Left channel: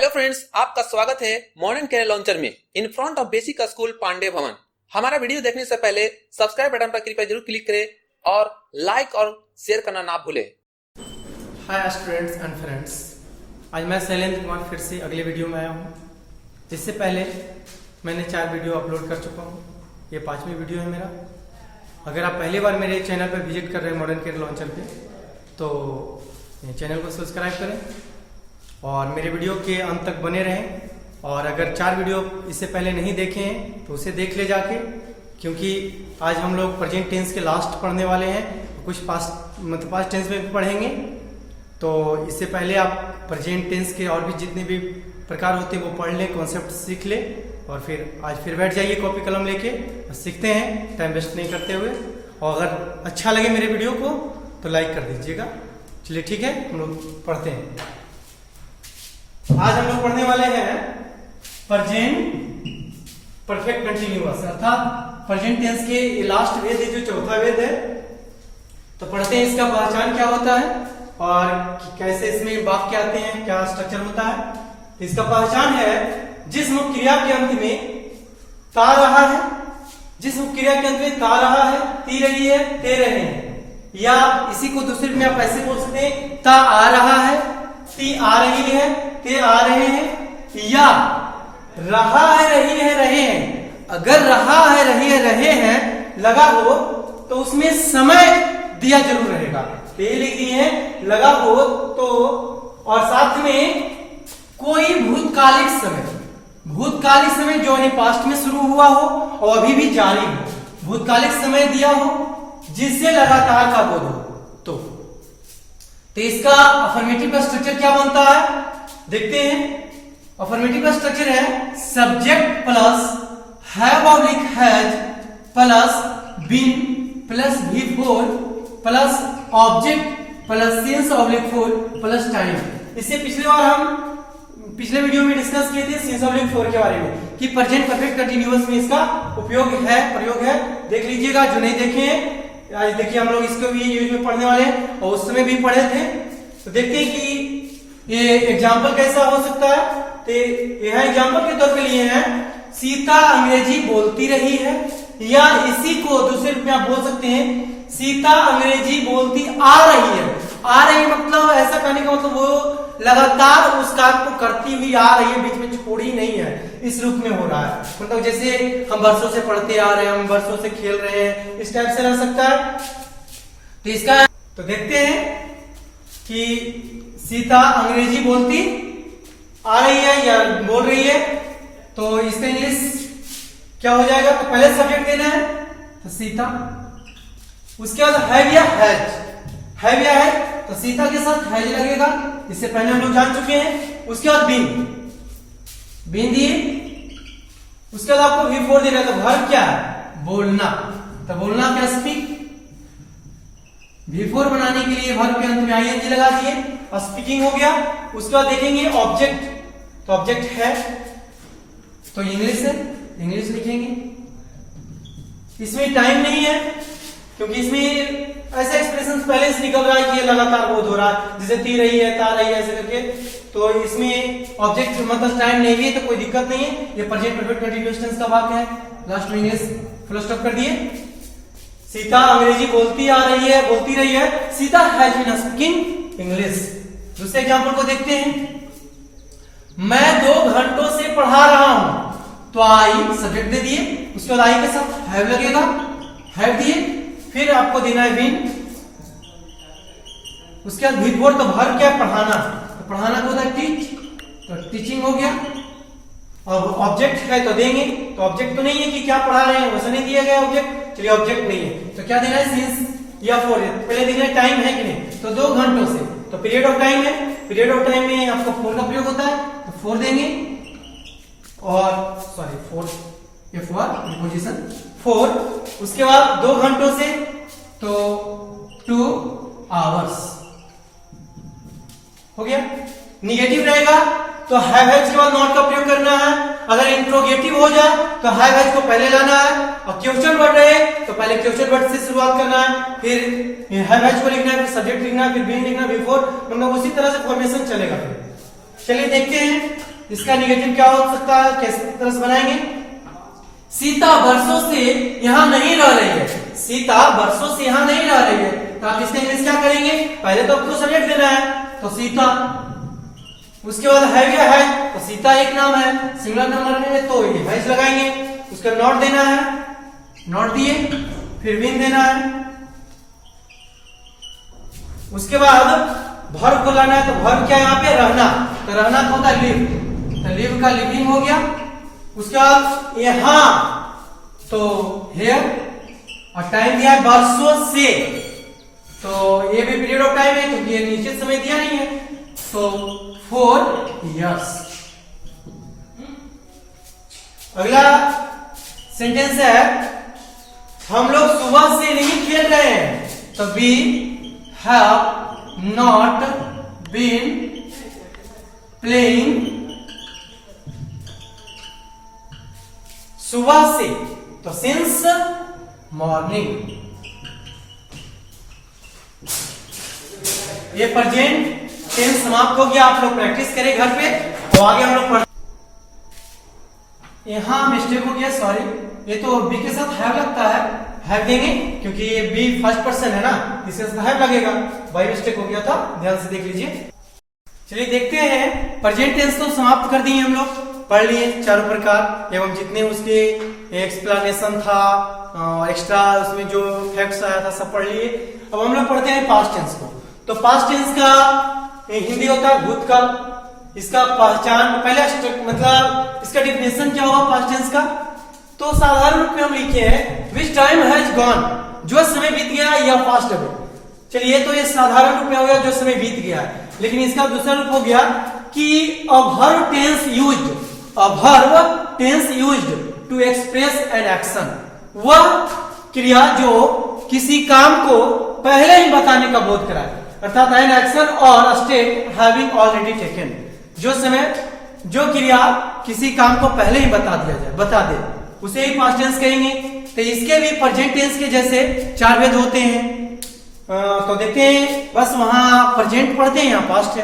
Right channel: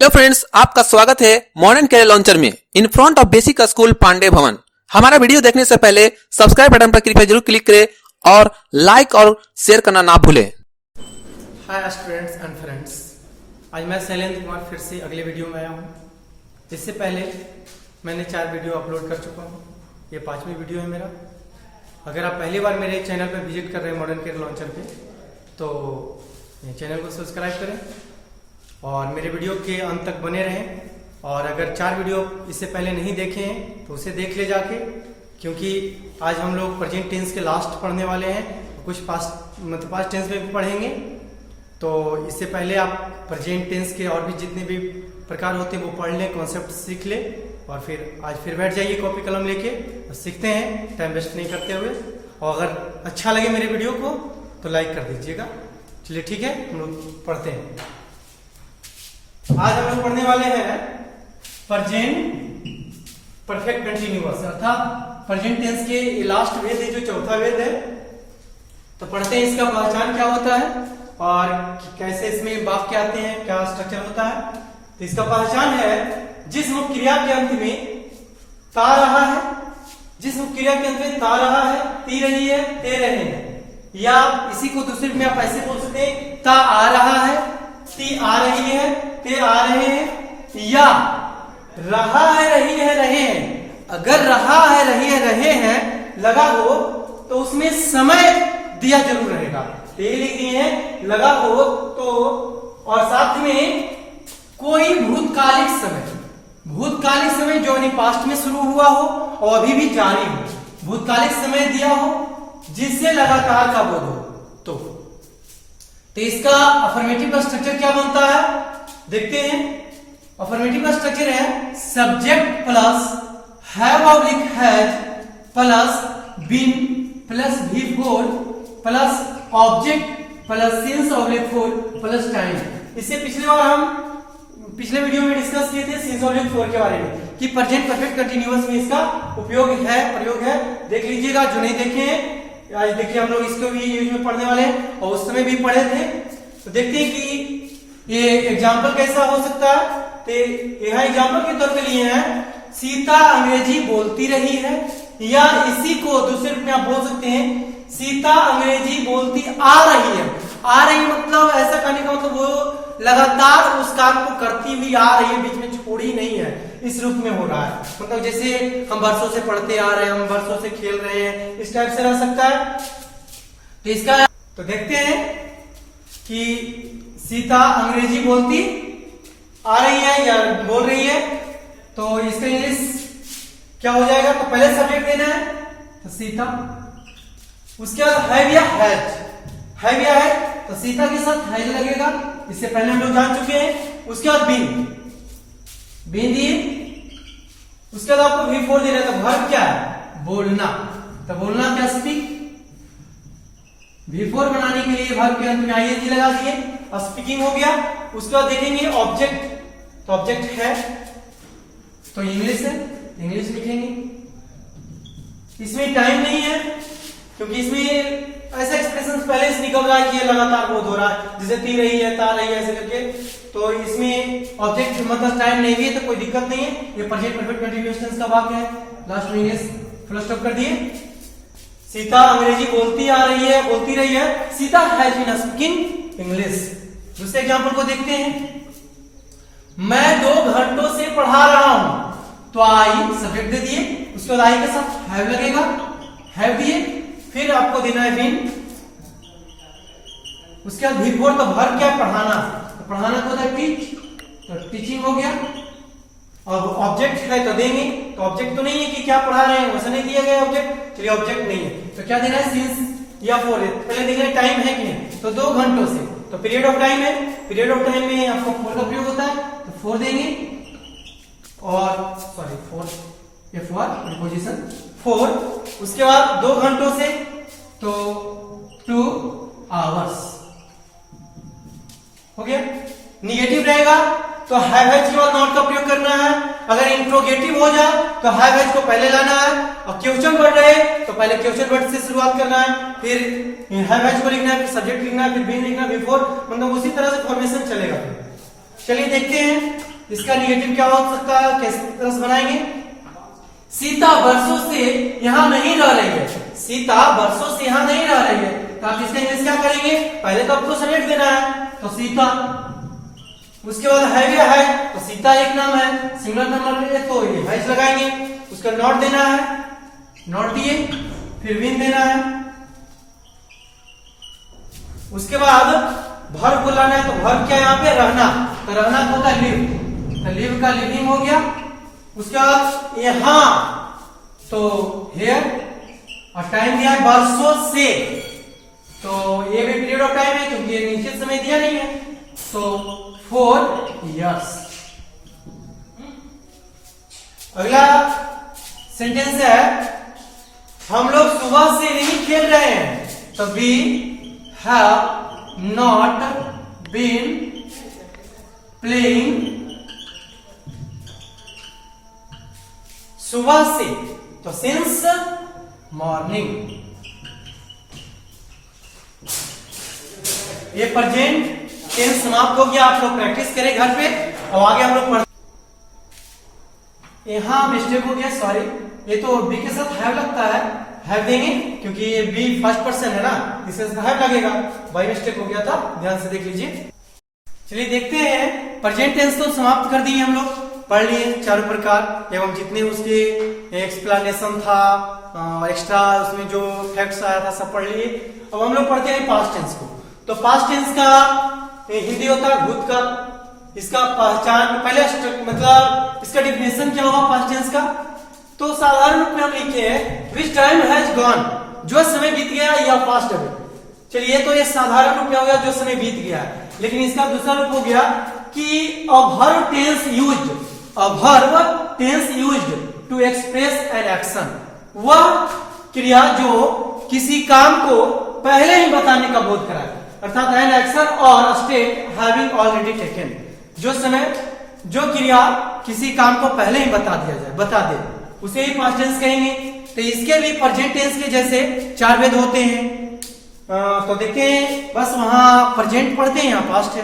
Hello friends, आपका स्वागत है मॉडर्न कैरियर लॉन्चर में in front of basic school Pandey Bhavan. हमारा वीडियो देखने से पहले सब्सक्राइब बटन पर कृपया जरूर क्लिक करें और लाइक और शेयर करना ना भूलें। हाय स्टूडेंट्स एंड फ्रेंड्स, आज मैं शैलेंद्र कुमार फिर से अगले वीडियो में आया हूँ। इससे पहले मैंने 4 वीडियो अपलोड कर चुका हूँ, ये 5वीं वीडियो है मेरा। अगर आप पहली बार मेरे चैनल पर विजिट कर रहे हैं मॉडर्न कैरियर लॉन्चर पे, तो चैनल को सब्सक्राइब करें और मेरे वीडियो के अंत तक बने रहें। और अगर 4 वीडियो इससे पहले नहीं देखे हैं तो उसे देख ले जाके, क्योंकि आज हम लोग प्रेजेंट टेंस के लास्ट पढ़ने वाले हैं, कुछ पास्ट टेंस में भी पढ़ेंगे। तो इससे पहले आप प्रेजेंट टेंस के और भी जितने भी प्रकार होते हैं वो पढ़ लें, कॉन्सेप्ट सीख लें और फिर आज फिर बैठ जाइए कॉपी कलम लेके और सीखते हैं, टाइम वेस्ट नहीं करते हुए। और अगर अच्छा लगे मेरे वीडियो को तो लाइक कर दीजिएगा। चलिए ठीक है, हम लोग पढ़ते हैं। आज हम लोग पढ़ने वाले हैं प्रेजेंट परफेक्ट कंटिन्यूअस, अर्थात प्रेजेंट टेंस के लास्ट वेद है, जो चौथा वेद है। तो पढ़ते हैं इसका पहचान क्या होता है और कैसे इसमें वाक्य आते हैं, क्या स्ट्रक्चर होता है। तो इसका पहचान है जिस मुख्य क्रिया के अंत में ता रहा है, जिस मुख्य क्रिया के अंत में ता रहा है, ती रही है, ते रहे हैं, या इसी को दूसरे में आप ऐसे बोल सकते हैं, ता आ रहा है, ती आ रही है, ते आ रहे हैं, या रहा है, रही है, रहे हैं। अगर रहा है, रही है, रहे हैं लगा हो तो उसमें समय दिया जरूर रहेगा। तो ये लिख दिए है लगा हो तो, और साथ में कोई भूतकालिक समय, भूतकालिक समय जो नहीं पास्ट में शुरू हुआ हो और अभी भी जारी हो, भूतकालिक समय दिया हो जिससे लगातार का बोध हो। तो इसका अफर्मेटिव स्ट्रक्चर क्या बनता है देखते हैं। अफर्मेटिव स्ट्रक्चर है subject plus have oblique has plus been plus V4 plus object plus since oblique 4 plus time. इससे पिछले वीडियो में डिस्कस किए थे सिंस ऑब्लिक 4 के बारे में कि प्रेजेंट परफेक्ट कंटीन्यूअस में इसका प्रयोग है। देख लीजिएगा जो नहीं देखे हैं, आज देखिए हम लोग इसको भी यूज में पढ़ने वाले हैं और उस समय भी पढ़े थे। तो देखते हैं कि ये एग्जाम्पल कैसा हो सकता है। तो यह एग्जाम्पल के तौर पे लिए हैं, सीता अंग्रेजी बोलती रही है, या इसी को दूसरे रूप में आप बोल सकते हैं सीता अंग्रेजी बोलती आ रही है। आ रही मतलब ऐसा कहने का मतलब वो लगातार उस काम को करती हुई आ रही है, बीच में छोड़ी नहीं है, इस रूप में हो रहा है। मतलब जैसे हम वर्षों से पढ़ते आ रहे हैं, हम वर्षों से खेल रहे हैं, इस टाइप से रह सकता है। तो इसका तो देखते हैं कि सीता अंग्रेजी बोलती आ रही है या बोल रही है, तो इसका इंग्लिश क्या हो जाएगा। तो पहले सब्जेक्ट लेना है तो सीता, उसके बाद हैव या है तो सीता के साथ हैज लगेगा, इससे पहले हम लोग जान चुके हैं। उसके बाद बीन दिए, उसके बाद आपको V4 देना है। तो वर्ब क्या है, बोलना। तो बोलना क्या, स्पीक। V4 बनाने के लिए वर्ब के अंत में ING लगा दिए, स्पीकिंग हो गया। उसके बाद देखेंगे ऑब्जेक्ट, तो ऑब्जेक्ट है तो इंग्लिश है, इंग्लिश लिखेंगे। इसमें टाइम नहीं है क्योंकि इसमें ऐसा एक्सप्रेशन पहले से निकल रहा है कि ये लगातार बोध हो रहा है, जैसे ती रही है, ता रही है, ऐसे करके। तो इसमें ऑब्जेक्ट मतलब टाइम नहीं है तो कोई दिक्कत नहीं है। ये प्रेजेंट परफेक्ट कंटीन्यूअस टेंस का वाक्य है। लास्ट में इंग्लिश फुल स्टॉप कर दिए। सीता अंग्रेजी बोलती आ रही है, बोलती रही है, Sita has been speaking English. दूसरे एग्जांपल को देखते हैं। मैं 2 घंटों से पढ़ा रहा हूं, तो आई सब्जेक्ट दे दिए, उसके बाद आई के साथ हैव लगेगा, हैव दिए, फिर आपको देना है बीन, उसके बाद V4। तो वर्ब क्या, पढ़ाना। तो पढ़ाना को होता है टीच, तो टीचिंग हो गया। और ऑब्जेक्ट है तो देंगे, तो ऑब्जेक्ट तो नहीं है कि क्या पढ़ा रहे हैं, वैसा नहीं दिया गया ऑब्जेक्ट, चलिए ऑब्जेक्ट नहीं है तो क्या देना है, सिंस या 4। पहले देना है टाइम है कि नहीं, तो 2 घंटों से, तो पीरियड ऑफ टाइम है, पीरियड ऑफ टाइम में आपको 4 का प्रयोग होता है, तो 4 देंगे। और सॉरी 4 प्रीपोजिशन 4। उसके बाद 2 घंटों से तो 2 आवर्स हो गया। निगेटिव रहेगा तो हैव हैज के बाद नॉट का प्रयोग करना है। अगर इंट्रोगेटिव हो जाए तो हैव हैज को पहले लाना है, और क्वेश्चन वर्ड रहे तो पहले क्वेश्चन वर्ड से शुरुआत करना है, फिर हैव हैज को लिखना है, फिर सब्जेक्ट लिखना है, फिर बीन लिखना है, बिफोर, मतलब उसी तरह से फॉर्मेशन चलेगा। चलिए देखते हैं इसका निगेटिव क्या हो सकता है, कैसे तरह से बनाएंगे? सीता बरसों से यहाँ नहीं रह रही है, सीता बरसों से यहाँ नहीं रह रही है, तो आप इसका इंग्लिश क्या करेंगे? पहले तो आपको सब्जेक्ट देना है, तो सीता, उसके बाद है क्या है, तो सीता एक नाम है, सिंगुलर नंबर में तो ये हैज लगाएंगे, उसका नॉट देना है, नॉट दिए, फिर विन देना है, उसके बाद वर्ब को लाना है, तो वर्ब क्या यहाँ पे? रहना, तो रहना का होता है लिव, तो लिव का लिविंग हो गया। उसके बाद यहां तो हेयर, और टाइम दिया है बरसों से, तो ये भी पीरियड ऑफ टाइम है क्योंकि ये नीचे समय दिया नहीं है, तो 4 years। अगला सेंटेंस है हम लोग सुबह से नहीं खेल रहे हैं, तो we have not been playing सुबह से, तो सिंस मॉर्निंग। ये प्रेजेंट टेंस समाप्त हो गया, आप लोग प्रैक्टिस करें घर पे, तो आगे हम लोग यहां मिस्टेक हो गया, सॉरी, ये तो बी के साथ हैव लगता है, हैव देंगे क्योंकि ये बी फर्स्ट पर्सन है ना, इसके साथ हैव लगेगा, बाय मिस्टेक हो गया था, ध्यान से देख लीजिए। चलिए देखते हैं, प्रेजेंट टेंस तो समाप्त कर दिए हम लोग, पढ़ लिए चारों प्रकार एवं जितने उसके एक्सप्लेनेशन था, एक्स्ट्रा उसमें जो फैक्ट्स आया था सब पढ़ लिए। अब हम लोग पढ़ते हैं पास्ट टेंस को। तो पास्ट टेंस का हिंदी होता है भूतकाल, इसका पहचान पहले मतलब इसका डिफिनेशन क्या होगा पास्ट टेंस का, तो साधारण रूप में हम लिखे हैं विच टाइम हैज गॉन, जो समय बीत गया या पास्ट है। चलिए तो ये साधारण रूप में हो गया जो समय बीत गया है, लेकिन इसका दूसरा रूप हो गया कि a verb tense used, a verb tense used to express an action, वह क्रिया जो किसी काम को पहले ही बताने का बोध कराए, अर्थात एन एक्शन और स्टेट हैविंग ऑलरेडी टेकन, जो समय जो क्रिया किसी काम को पहले ही बता दिया जाए, बता दे, उसे ही पास्ट टेंस कहेंगे। तो इसके भी प्रेजेंट टेंस के जैसे 4 भेद होते हैं, तो देखते हैं, बस वहां प्रेजेंट पढ़ते हैं, यहाँ पास्ट है,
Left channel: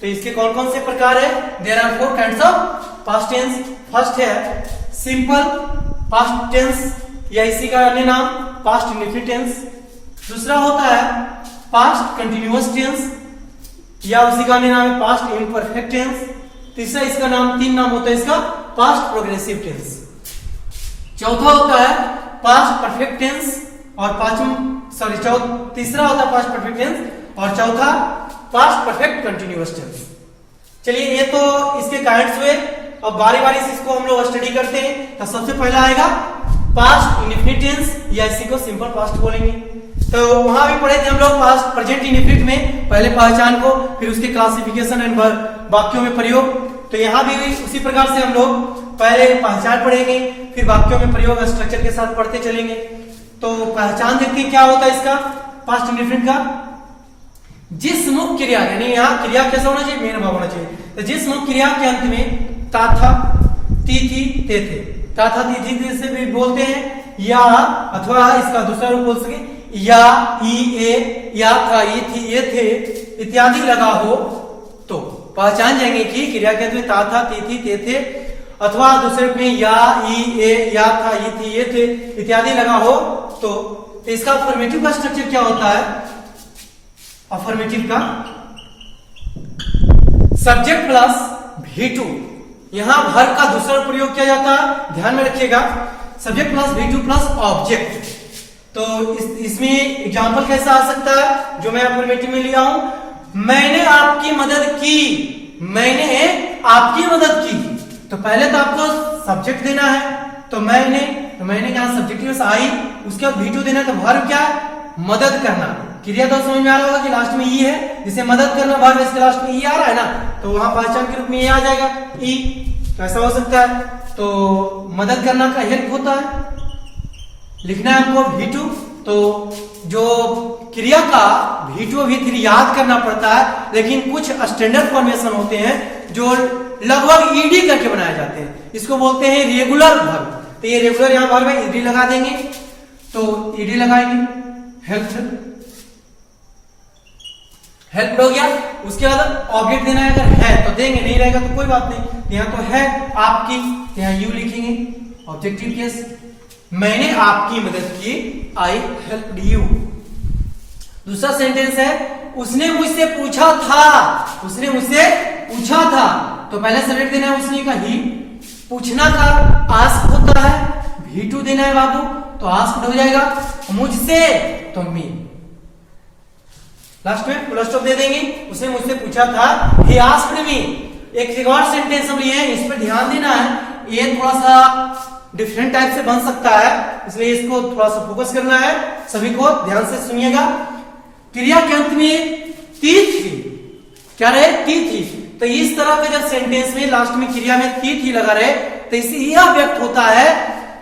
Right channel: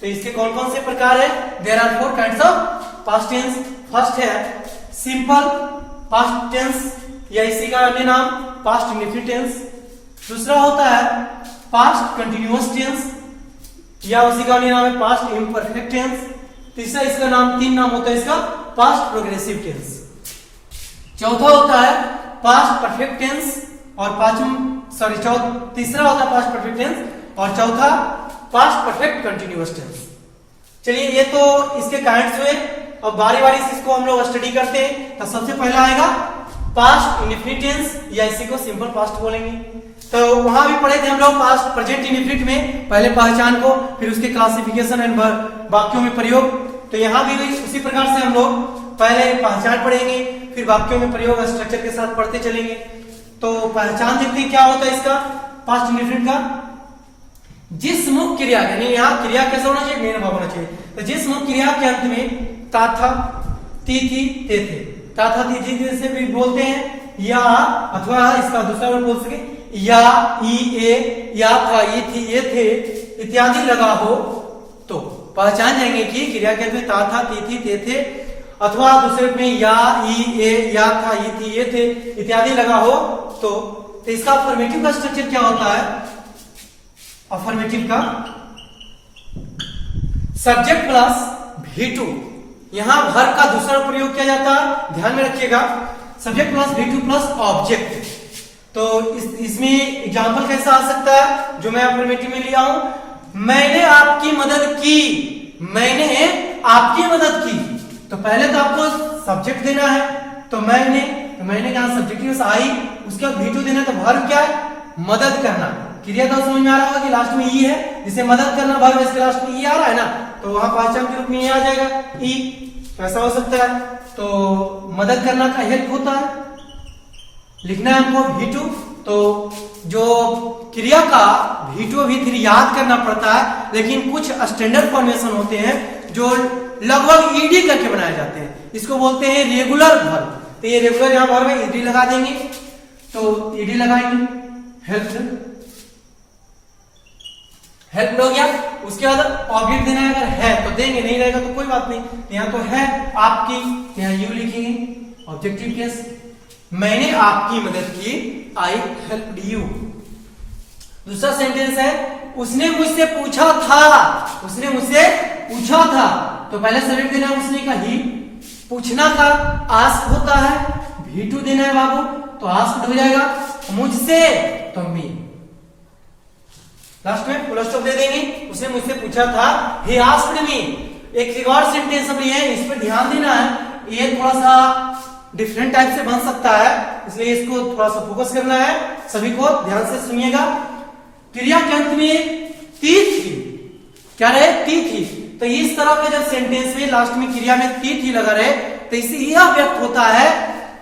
तो इसके कौन कौन से प्रकार है? There are 4 kinds of past tense. First है सिंपल पास्ट टेंस या इसी का अन्य नाम पास्ट इंडेफिनिट टेंस। दूसरा होता है पास्ट कंटिन्यूअस टेंस या उसी का अन्य नाम है पास्ट इम्परफेक्ट टेंस। तीसरा इसका नाम 3 नाम होता है इसका, पास्ट प्रोग्रेसिव टेंस। चौथा होता है पास्ट परफेक्ट टेंस और तीसरा होता है पास्ट परफेक्ट टेंस और चौथा पास्ट परफेक्ट कंटिन्यूअस टेंस। चलिए ये तो इसके काइंड्स हुए, अब बारी बारी से इसको हम लोग स्टडी करते हैं। तो सबसे पहला आएगा पास्ट इंडेफिनिट टेंस या इसी को सिंपल पास्ट बोलेंगे। तो वहां भी पढ़े थे हम लोग पास्ट प्रेजेंट इंडेफिनिट में, पहले पहचान को, फिर उसके क्लासिफिकेशन एंड वाक्यों में प्रयोग। तो यहाँ भी उसी प्रकार से हम लोग पहले पहचान पढ़ेंगे, फिर वाक्यों में प्रयोग स्ट्रक्चर के साथ पढ़ते चलेंगे। तो पहचान देखते हैं क्या होता है इसका पास्ट इंडेफिनिट का। जिस मुख्य क्रिया, यानी यहाँ क्रिया कैसा होना चाहिए, मेन भाव होना चाहिए। तो जिस मुख्य क्रिया के अंत में ता था, ती थी, ते थे, ता था, ती थी से भी बोलते हैं, या अथवा इसका दूसरा रूप बोल सके या, ई, ए, या था, ये थी, ये थे इत्यादि लगा हो, तो पहचान जाएंगे कि क्रिया के अंत में ता था, ती थी, ते थे, अथवा दूसरे रूप में या, ई, ए, या था, ये थी, ये थे इत्यादि लगा हो, तो इसका अफर्मेटिव का स्ट्रक्चर क्या होता है? अफर्मेटिव का सब्जेक्ट प्लस V2, यहां वर्ब का दूसरा प्रयोग किया जाता है, ध्यान में रखिएगा, subject plus V2 plus object. तो इसमें एग्जांपल कैसा आ सकता है जो मैं अफर्मेटिव में लिया हूं? मैंने आपकी मदद की, मैंने आपकी मदद की। तो पहले तो आपको सब्जेक्ट देना है, तो मैंने कहा सब्जेक्टिव से आई, उसके बाद V2 देना, तो वर्ब क्या है? मदद करना। क्रिया तो समझ में आ रहा होगा कि लास्ट में ई है, जिसे मदद करना, वर्ब इसके लास्ट में ई आ रहा है ना, तो वहां पहचान के रूप में ये आ जाएगा ई। तो ऐसा हो सकता है, तो मदद करना का हेल्प होता है, लिखना है हमको V2। तो जो क्रिया का V2 V3 याद करना पड़ता है, लेकिन कुछ स्टैंडर्ड फॉर्मेशन होते हैं जो लगभग ईडी करके बनाए जाते हैं, इसको बोलते हैं रेगुलर वर्ब। तो ये रेगुलर यहाँ वर्ब है, ईडी लगा देंगे, तो ईडी लगाएंगे, हेल्प हो गया। उसके बाद ऑब्जेक्ट देना है, अगर है तो देंगे, नहीं रहेगा तो कोई बात नहीं। यहाँ तो है आपकी, यहाँ यू लिखेंगे ऑब्जेक्टिव केस, मैंने आपकी मदद की, आई हेल्प्ड यू। दूसरा सेंटेंस है उसने मुझसे पूछा था, उसने मुझसे पूछा था, तो पहले सब्जेक्ट देना है उसने का ही, पूछना का आस्क होता है, भी2 देना है बाबू, तो आस्क्ड हो जाएगा, मुझसे तो मी, लास्ट में फुल स्टॉप दे देंगे, उसने मुझसे पूछा था, he asked me। एक रिकॉर्ड सेंटेंस अब ये, इस पर ध्यान देना है, ये थोड़ा सा डिफरेंट टाइप से बन सकता है, इसलिए इसको थोड़ा सा फोकस करना है, सभी को ध्यान से सुनिएगा। क्रिया के अंत में ती थी, क्या रहे, ती थी, तो इस तरह का जब सेंटेंस में लास्ट में क्रिया में ती लगा रहे, तो इससे यह व्यक्त होता है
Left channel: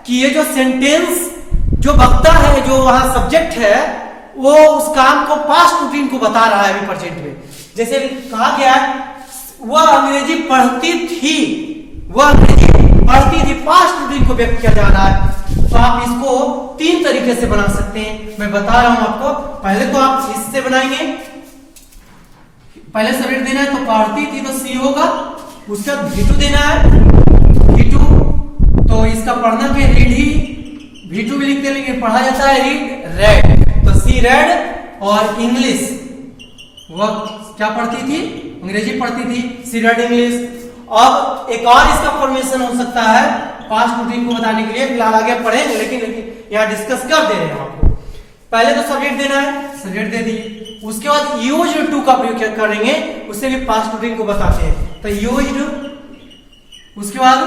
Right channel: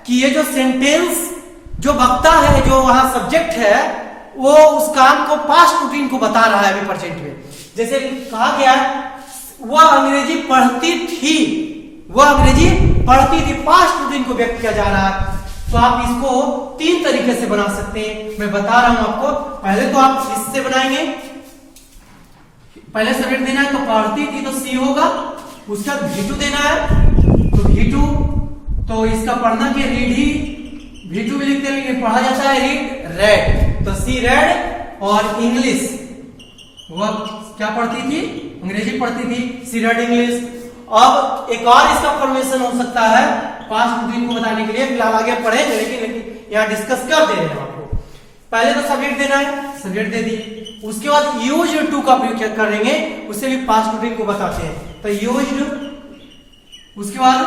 कि ये जो सेंटेंस जो वक्ता है, जो वहां सब्जेक्ट है, वो उस काम को पास्ट रूटीन को बता रहा है अभी प्रेजेंट में। जैसे कहा गया वह अंग्रेजी पढ़ती थी, वह अंग्रेजी पढ़ती थी, पास्ट रूटीन को व्यक्त किया जा रहा है। तो आप इसको 3 तरीके से बना सकते हैं, मैं बता रहा हूं आपको। पहले तो आप इससे बनाएंगे, पहले सब्जेक्ट देना है तो पढ़ती थी तो सी होगा, उसका भी2 देना है तो भी2, तो इसका पढ़ना के रीड ही भी2 भी लिखते हैं, पढ़ा जाता है रीड, रेड, तो सी रेड, और इंग्लिश वह क्या पढ़ती थी, अंग्रेजी पढ़ती थी, सी रेड इंग्लिश। अब एक और इसका फॉर्मेशन हो सकता है पास्ट रूटीन को बताने के लिए, फिलहाल आगे पढ़ेंगे, लेकिन यहाँ डिस्कस कर दे रहे हैं आपको। पहले तो सब्जेक्ट देना है, सब्जेक्ट दे दिए, उसके बाद यूज्ड टू का प्रयोग करेंगे, उससे भी पास्ट रूटीन को बताते हैं, तो यूज्ड, उसके बाद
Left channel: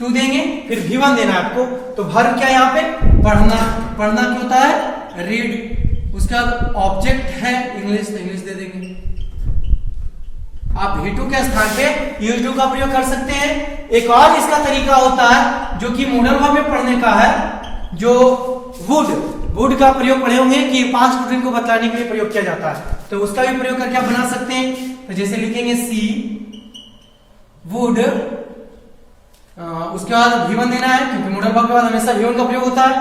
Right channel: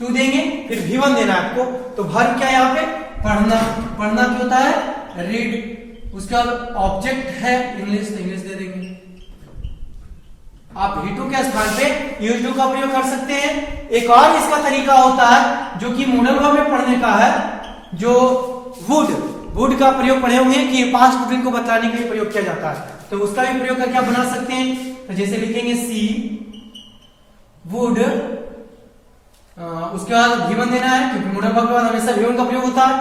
टू देंगे, फिर भी1 देना है आपको, तो वर्ब क्या है यहाँ पे, पढ़ना, पढ़ना क्या होता है, रीड, उसके बाद ऑब्जेक्ट है इंग्लिश, तो इंग्लिश दे देंगे। आप भी2 के स्थान पे यूज टू का प्रयोग कर सकते हैं। एक और इसका तरीका होता है जो कि मॉडल वर्ब में पढ़ने का है, जो वुड का प्रयोग पढ़े होंगे कि पास्ट रूटीन को बताने के लिए प्रयोग किया जाता है, तो उसका भी प्रयोग करके आप बना सकते हैं। तो जैसे लिखेंगे सी वुड, उसके बाद भी1 देना है, क्योंकि मॉडल वर्ब के बाद हमेशा भी1 का प्रयोग होता है,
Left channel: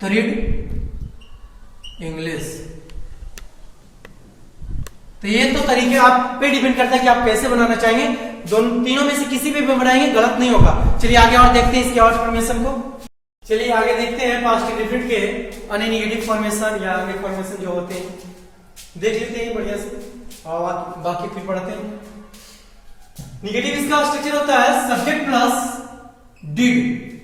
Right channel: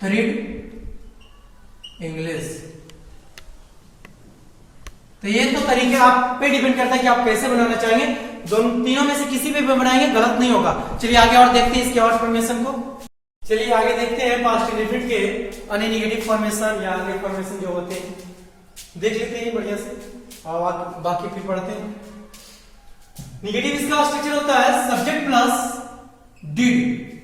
तो रीड इंग्लिश। तो ये तो तरीके आप पे डिपेंड करता है कि आप कैसे बनाना चाहेंगे, दोनों तीनों में से किसी भी बनाएंगे गलत नहीं होगा। चलिए आगे और देखते हैं इसके और फॉर्मेशन को। चलिए आगे देखते हैं पास्ट इंडेफिनिट के अन्य निगेटिव फॉर्मेशन या अन्य फॉर्मेशन जो होते हैं, देख लेते हैं बढ़िया से और बाकी फिर पढ़ते हैं। निगेटिव इसका स्ट्रक्चर होता है subject plus did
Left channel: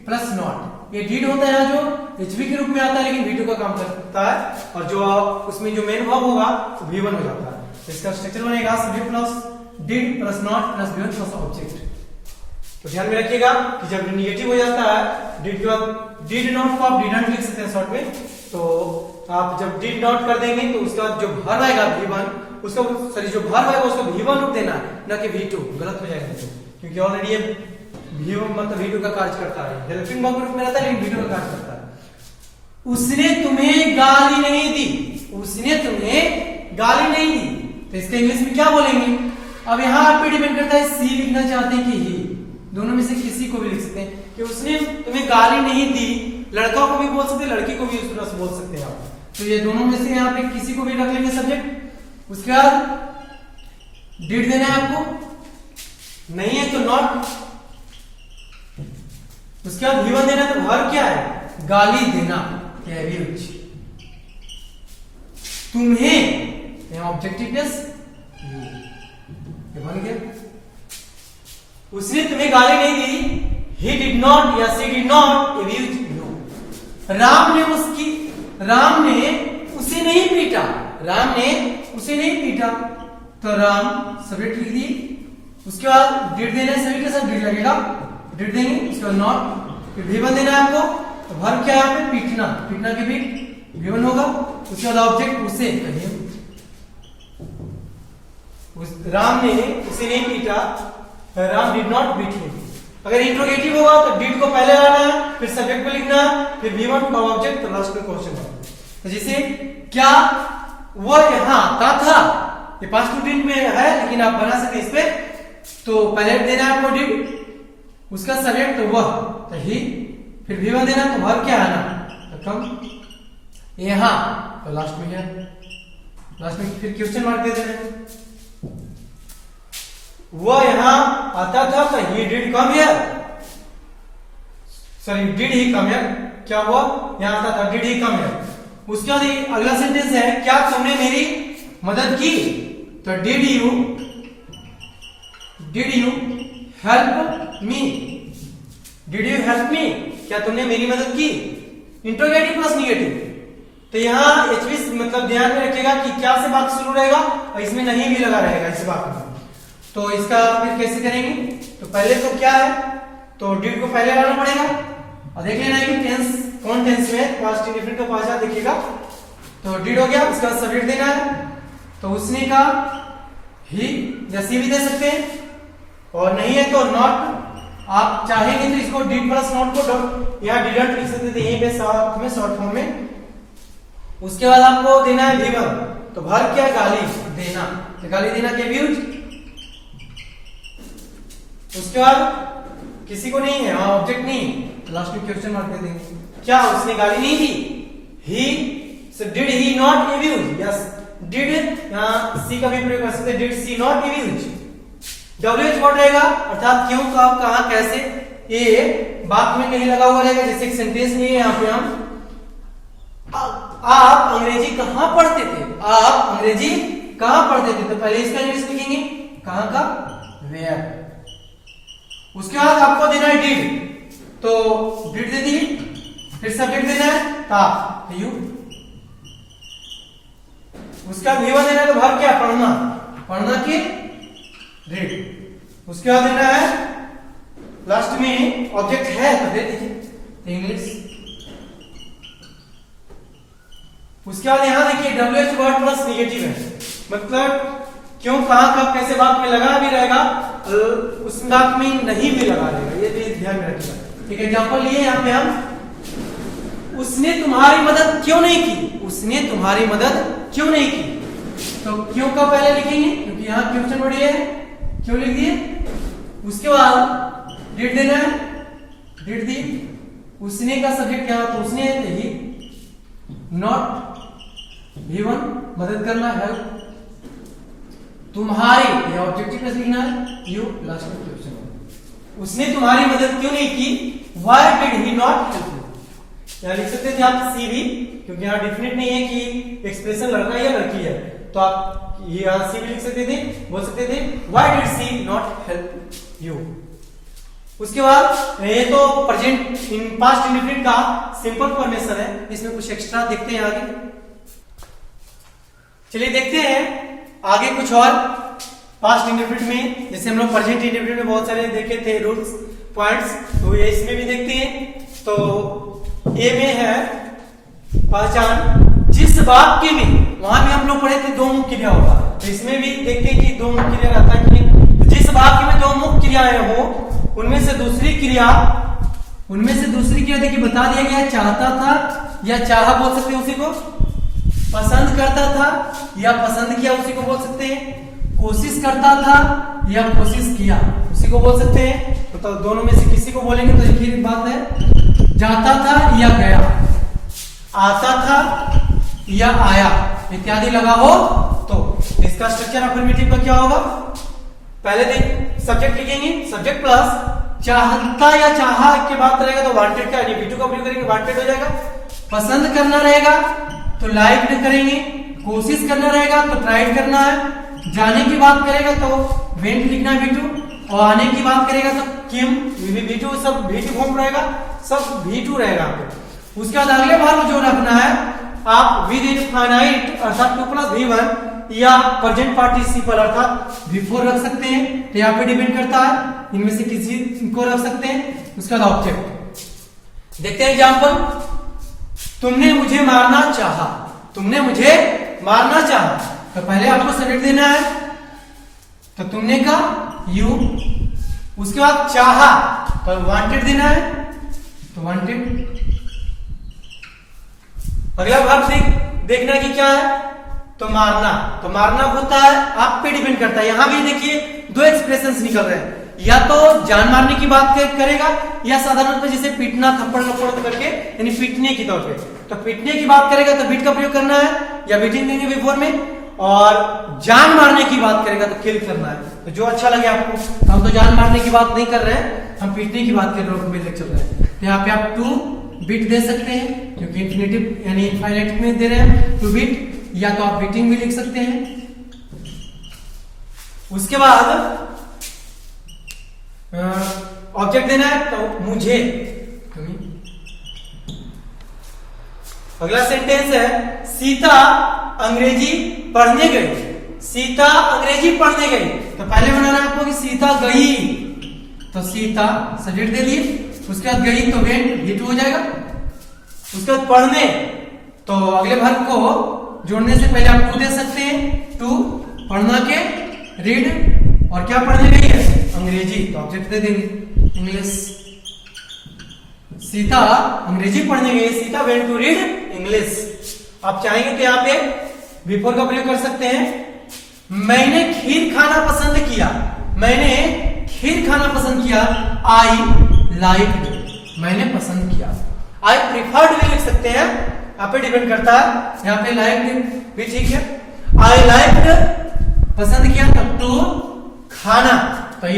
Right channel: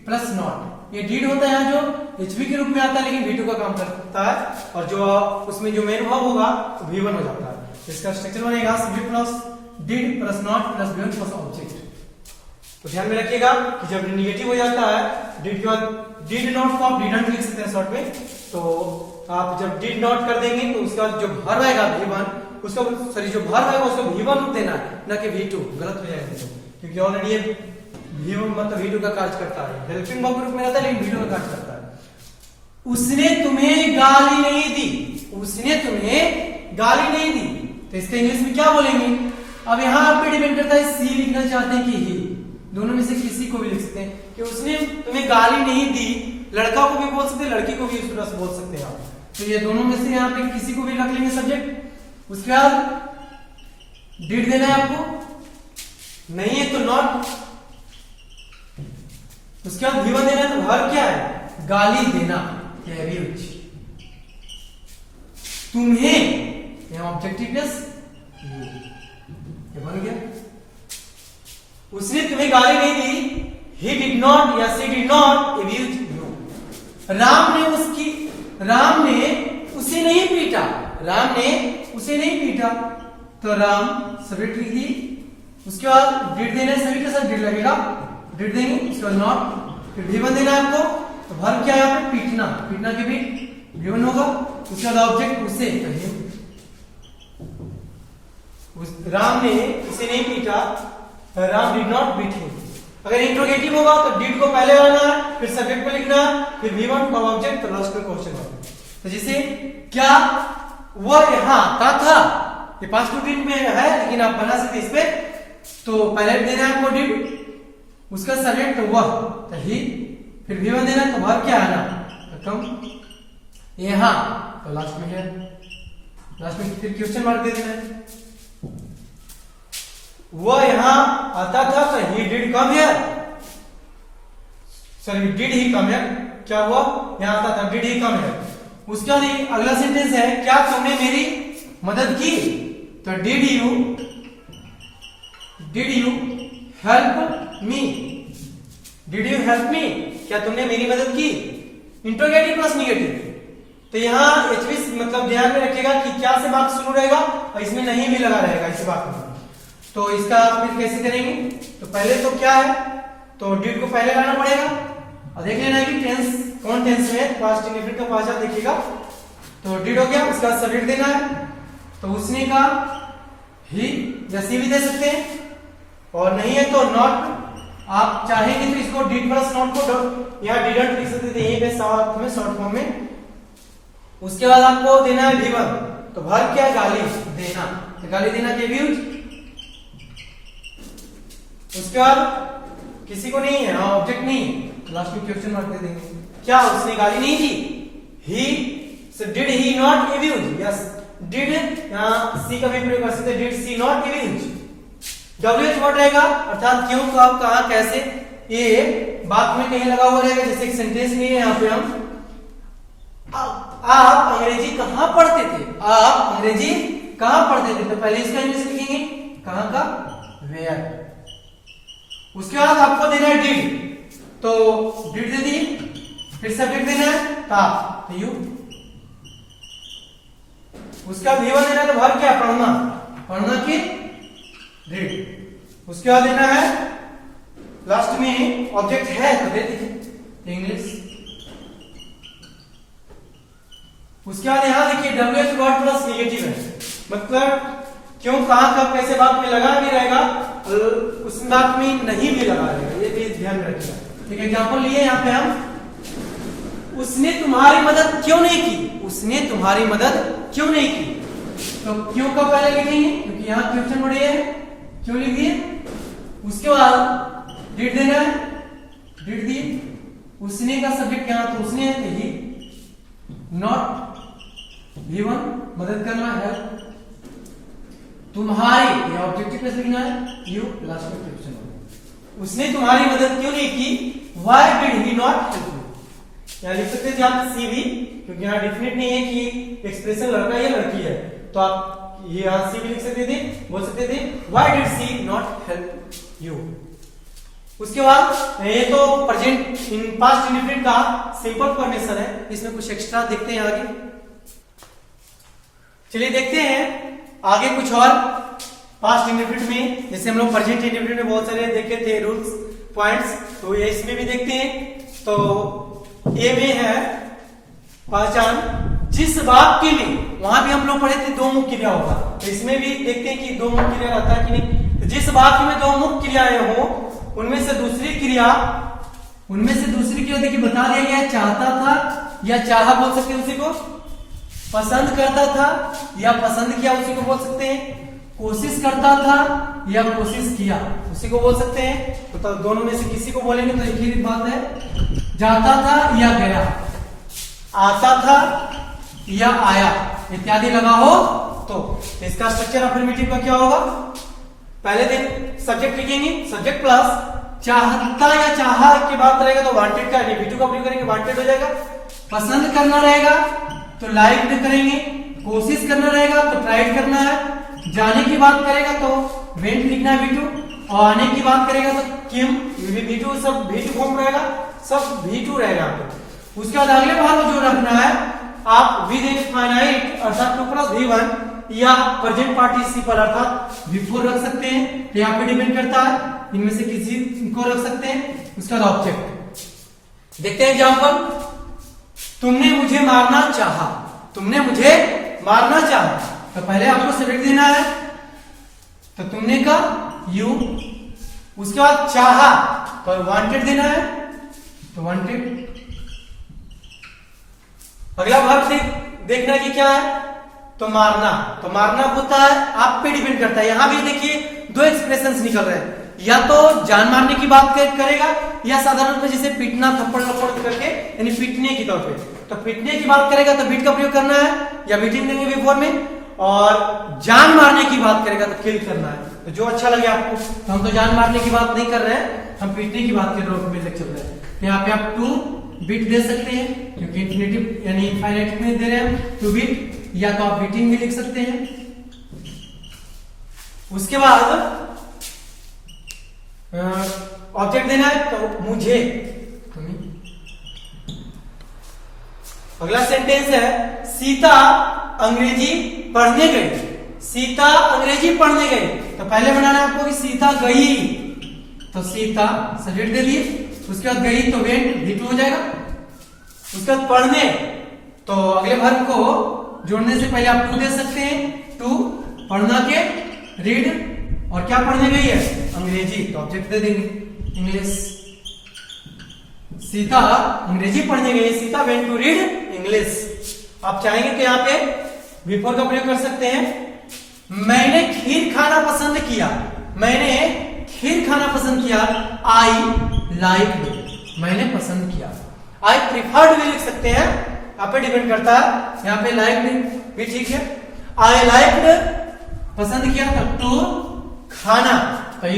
plus not. ये डिड होता है जो एचवी के रूप में आता है, लेकिन भी2 का काम करता है, और जो उसमें जो मेन वर्ब होगा वो भी1 हो जाता है। इसका स्ट्रक्चर बनेगा subject plus did plus not plus भी1 प्लस ऑब्जेक्ट। तो ध्यान में रखिएगा कि जब निगेटिव हो जाता है डिड के बाद डिड नॉट को आप डिडंट लिख सकते हैं शॉर्ट में, तो आप जब डिड नॉट कर देंगे तो उसके बाद जो वर्ब आएगा भी1, उसका सॉरी जो वर्ब आएगा उसको भी1 रूप देना है, ना कि भी2, गलत हो जाएगा क्योंकि ऑलरेडी ये भी1 मतलब भी2 का कार्य करता है, हेल्पिंग वर्ब रूप में रहता है लेकिन भी2 का कार्य करता है। उसने तुम्हें गाली नहीं दी, उसने तुम्हें गाली नहीं दी, तो इसके इंग्लिश में क्या बोलेंगे। अब यहाँ आप पे डिपेंड करता है सी लिखना चाहते हैं कि ही, दोनों में से किसी को भी लिख सकते हैं कि उसने तुम्हें गाली नहीं दी। लड़का को भी बोल सकते हैं, लड़की को भी उस तरह से बोल सकते हैं आप, तो ये दोनों में से यहाँ पे किसी को भी रख लेंगे सब्जेक्ट। उसके बाद डिड देना है आपको, नहीं है तो नॉट, उसके बाद भी1 देना है, तो वर्ब क्या है, गाली देना, तुम्हें ऑब्जेक्टिव केस ये बन गया। उसने तुम्हें गाली नहीं दी, he did not या she did not abuse you। Ram ने उसे नहीं पीटा, राम ने उसे नहीं पीटा, तो राम सब्जेक्ट लिख दी, उसके बाद डिड देना, सभी के साथ डिड लगेगा, डिड देंगे, उसके बाद नॉट, फिर भी1 देना है आपको, तो वर्ब क्या है यहाँ पे, पीटना, पीटना के भी भी1 होगा, उसके बाद ऑब्जेक्ट उसे, राम ने उसे नहीं पीटा, Ram did not beat him. अगर इंट्रोगेटिव होगा तो डिड को पहले लाना है, फिर सब्जेक्ट को लिखना है, फिर भी1 का ऑब्जेक्ट, तो लास्ट में क्वेश्चन है। तो जैसे क्या वह यहाँ था, ये पास्ट रूटीन में है लेकिन आप बना सकते इस पे, तो पहले देना है आपको डिड, उसका सब्जेक्ट वह, तो ही, फिर भी1 देना, तो वर्ब क्या आना, यहाँ, तो लास्ट में है, लास्ट में फिर क्वेश्चन मार्क दे देना है। वो यहाँ आता था तो he did come here, sorry did he come here, क्या हुआ यहाँ आता था डिड ही कम हियर। उसके बाद अगला सेंटेंस है क्या तुमने मेरी मदद की, तो did you help me, did you help me, क्या तुमने मेरी मदद की, इंट्रोगेटिव प्लस निगेटिव। तो यहाँ एचवी मतलब ध्यान में रखिएगा कि क्या से वाक्य शुरू रहेगा और इसमें नहीं भी लगा रहेगा इस वाक्य में। तो इसका फिर कैसे करेंगे, तो पहले तो क्या है, तो डिड को पहले लाना पड़ेगा और देख लेना है कि टेंस कौन टेंस में, पास्ट इंडेफिनिट का पहचान देखिएगा। तो डिड हो गया, उसका सब्जेक्ट देना है, तो उसने का ही या सी भी दे सकते हैं, और नहीं है तो नॉट। आप चाहेंगे तो इसको डिड प्लस नॉट को या डिडंट लिख सकते थे यहीं पे साथ में शॉर्ट फॉर्म में। उसके बाद आपको देना है गिवन, तो वर्ब क्या, गाली देना, तो गाली देना के व्यूज। उसके बाद किसी को नहीं है, ऑब्जेक्ट नहीं, तो लास्ट में क्वेश्चन मार्क दे देंगे, क्या उसने गाली नहीं दी, he did he not abuse, yes did, यहाँ सी का भी प्रयोग कर सकते हैं, did she not abuse. WH word रहेगा अर्थात क्यों, कब, कहां, कैसे, ये बात में कहीं लगा हुआ रहेगा, जैसे एक सेंटेंस में है यहाँ पे हम आप अंग्रेजी कहां पढ़ते थे, आप अंग्रेजी कहां पढ़ते थे, तो पहले इसका इंग्लिश लिखेंगे कहां का, वेयर। उसके बाद आपको देना है डिड, तो डिड दे दिए, फिर सब्जेक्ट देना है था, यू। उसका वीवा देना है, तो वर्ब क्या, पढ़ना, पढ़ना की रीड। उसके बाद देना है लास्ट में ऑब्जेक्ट है तो दे दीजिए इंग्लिश। उसके बाद यहां देखिए WH वर्ड प्लस निगेटिव है, मतलब क्यों, कहां, कब, कैसे बात में लगा भी रहेगा, उस बात में नहीं भी लगा रहेगा, ये भी ध्यान में रखिएगा। ठीक है, एग्जांपल लिए यहाँ पे हम, उसने तुम्हारी मदद क्यों नहीं की, उसने तुम्हारी मदद क्यों नहीं की, तो क्यों का पहले लिखेंगे क्योंकि यहाँ क्वेश्चन वर्ड है, क्यों लिख दिए। उसके बाद डिड देना है, डिड दी, उसने का सब्जेक्ट क्या, तो उसने ही, नॉट V1 मदद करना, हेल्प, तुम्हारी या ऑब्जेक्टिव प्लस लिखना है, यू, लास्ट में क्वेश्चन। उसने तुम्हारी मदद क्यों नहीं की, why did he not help you, यहाँ लिख सकते थे आप सी भी, क्योंकि यहाँ डिफिनेट नहीं है कि एक्सप्रेशन लड़का या लड़की है, तो आप ये यहाँ सी भी लिख सकते थे, बोल सकते थे why did she not help you. उसके बाद ये तो प्रेजेंट पास्ट इंडेफिनिट का सिंपल फॉर्मेशन है, इसमें कुछ एक्स्ट्रा देखते हैं आगे। चलिए देखते हैं आगे कुछ और पास्ट इंडेफिनिट में, जैसे हम लोग प्रेजेंट इंडेफिनिट में बहुत सारे देखे थे रूल्स पॉइंट्स, तो ये इसमें भी देखते हैं। तो ए में है पहचान, जिस वाक्य में, वहां भी हम लोग पढ़े थे दो मुख्य क्रिया होगा, तो इसमें भी देखते हैं कि दो मुख्य क्रिया रहता है कि नहीं। तो जिस वाक्य में दो मुख्य क्रियाएं हो, उनमें से दूसरी क्रिया देखिए बता दिया गया, चाहता था या चाहा बोल सकते हैं उसी को, पसंद करता था या पसंद किया उसी को बोल सकते हैं, कोशिश करता था या कोशिश किया उसी को बोल सकते हैं। तो दोनों में से किसी को बोलेंगे तो एक ही बात है, जाता था या गया, आता था या आया इत्यादि लगा हो, तो इसका स्ट्रक्चर अफर्मेटिव का क्या होगा, पहले दिन सब्जेक्ट लिखेंगे, सब्जेक्ट प्लस चाहता या चाहा के बाद रहेगा तो वांटेड का V2 का प्रयोग करेंगे, वांटेड हो जाएगा। पसंद करना रहेगा तो लाइक करेंगे, कोशिश करना रहेगा तो ट्राइड करना है, जाने की बात करेगा तो वेंट लिखना है V2, और आने की बात करेगा तो किम, V2 सब V2 फॉर्म रहेगा, सब V2 रहेगा। उसके बाद अगले भाग में जो रखना है आप विद इनफाइनाइट अर्थात 2 + V1 या प्रेजेंट पार्टिसिपल अर्थात V4 रख सकते हैं, तो यहाँ पे डिपेंड करता है, इनमें से किसी को रख सकते हैं। उसका ऑब्जेक्ट देखते हैं एग्जांपल, तुमने मुझे मारना चाहा, तुमने मुझे मारना चाहा, तो पहले आपको सब्जेक्ट देना है, तो तुमने का यू, उसके बाद चाहा तो वांटेड देना है, तो वांटेड। अगला भाग देखना कि क्या है, तो मारना, तो मारना होता है आप पे डिपेंड करता है। यहां भी देखिए दो एक्सप्रेशंस निकल रहे हैं, या तो जान मारने की बात करेगा या साधारणतः जैसे पीटना, थप्पड़ लपड़ करके यानी पीटने की तौर पे, तो पीटने की बात करेगा तो बीट का प्रयोग करना है या बीटिंग देंगे V4 में, और जान मारने की बात करेगा तो किल करना है, तो जो अच्छा लगे आपको। तो हम तो जान मारने की बात नहीं कर रहे हैं, हम पीटने की बात कर रहे हैं, चल रहे हैं। तो यहाँ पे आप टू बीट दे सकते हैं क्योंकि इंफिनिटिव यानी इनफाइनाइट में दे रहे हैं टू बीट, या तो आप बीटिंग भी लिख सकते हैं। उसके बाद ऑब्जेक्ट देना है तो मुझे, अगला सेंटेंस है सीता अंग्रेजी पढ़ने गई। सीता अंग्रेजी पढ़ने गई, तो पहले बनाना है आपको कि सीता गई, तो सीता सब्जेक्ट दे दिए। उसके बाद गई तो वेंट भी टू हो जाएगा। उसके बाद पढ़ने, तो अगले वर्ब को जोड़ने से पहले आप टू दे सकते हैं, टू पढ़ना के रीड, और क्या पढ़ने गई है अंग्रेजी, तो ऑब्जेक्ट दे देंगे इंग्लिश। सीता अंग्रेजी पढ़ने गई, Sita went to read English. आप चाहेंगे तो यहाँ पे बिफोर का प्रयोग कर सकते हैं। मैंने खीर खाना पसंद किया, मैंने खीर खाना पसंद किया। आई लाइक, मैंने पसंद किया। आई प्रिफर्ड भी लिख सकते हैं, आप पे डिपेंड करता है। यहाँ पे लाइक भी ठीक है। आई लाइक पसंद किया, तब टू खाना, तो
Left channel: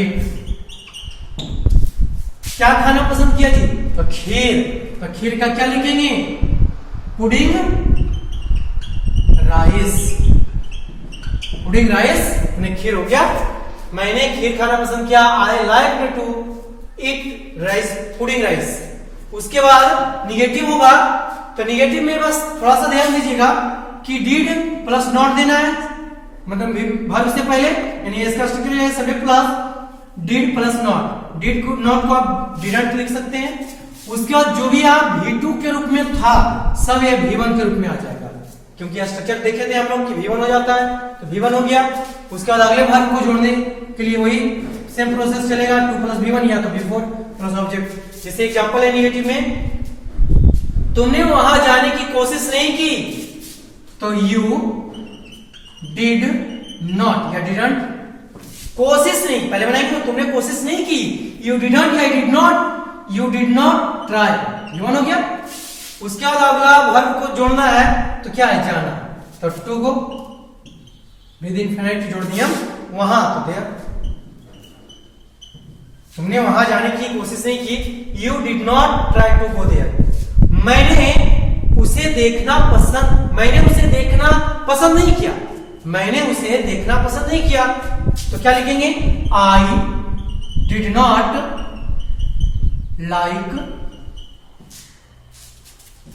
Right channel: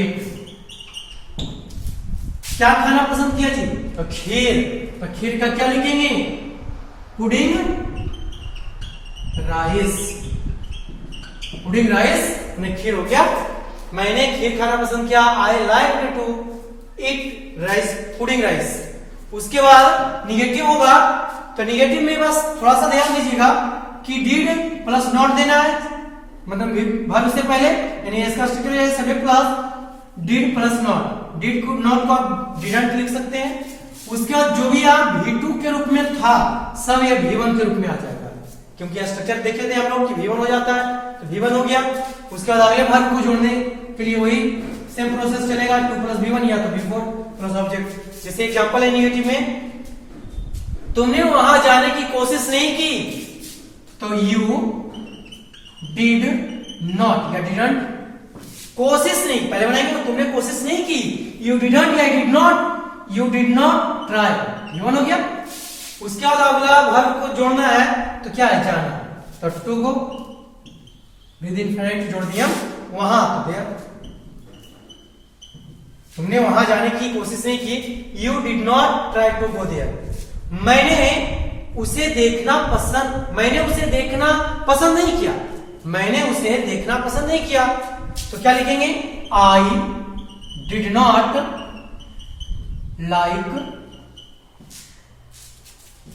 क्या खाना पसंद किया जी, तो खीर। तो खीर का क्या लिखेंगे, पुडिंग राइस। पुडिंग राइस में खीर हो गया। मैंने खीर खाना पसंद किया, I like to eat rice, pudding rice. उसके बाद निगेटिव होगा, तो निगेटिव में बस थोड़ा सा ध्यान दीजिएगा कि डिड प्लस नॉट देना है, मतलब वर्ब से पहले, यानी इसका स्ट्रक्चर है subject plus did plus not. Did को नॉट को आप डिडंट लिख सकते हैं। उसके बाद जो भी आप V2 के रूप में था सब ये V1 के रूप में आ जाएगा, क्योंकि स्ट्रक्चर देखे थे हम लोग कि V1 हो जाता है, तो V1 हो गया। उसके बाद अगले वर्ब को जोड़ने के लिए वही सेम प्रोसेस चलेगा, 2 + V1 या तो V4 प्लस ऑब्जेक्ट। जैसे एग्जांपल है निगेटिव में, तुमने वहां जाने की कोशिश नहीं की, तो यू डिड नॉट या डिडंट, कोशिश नहीं पहले बनाएंगे, तुमने कोशिश नहीं की, यू डिडंट या did not, you did not try, V1 हो गया। उसके बाद अगला वर्ब को जोड़ना है, तो क्या है जाना, तो टू को विद इनफिनिट जोड़ दिया वहां, तो गया। तुमने वहां जाने की कोशिश नहीं की, you did not try to go there. मैंने उसे देखना पसंद नहीं किया, मैंने उसे देखना पसंद नहीं किया, तो क्या लिखेंगे, I did not like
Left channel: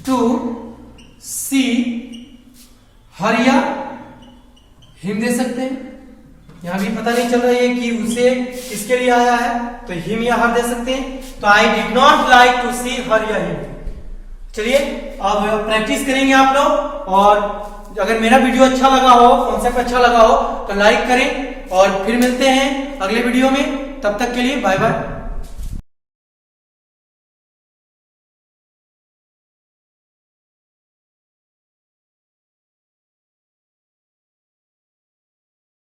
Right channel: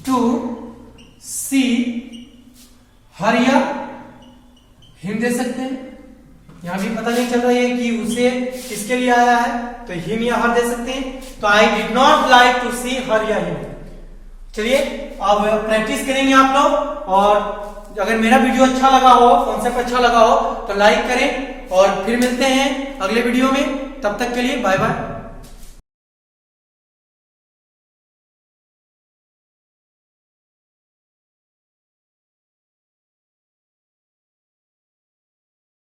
to see her या हिम दे सकते हैं। यहां भी पता नहीं चल रहा है कि उसे किसके लिए आया है, तो हिम या हर दे सकते हैं। तो I did not like to see her या हिम। चलिए अब प्रैक्टिस करेंगे आप लोग, और अगर मेरा वीडियो अच्छा लगा हो, कॉन्सेप्ट अच्छा लगा हो, तो लाइक करें, और फिर मिलते हैं अगले वीडियो में। तब तक के लिए बाय बाय।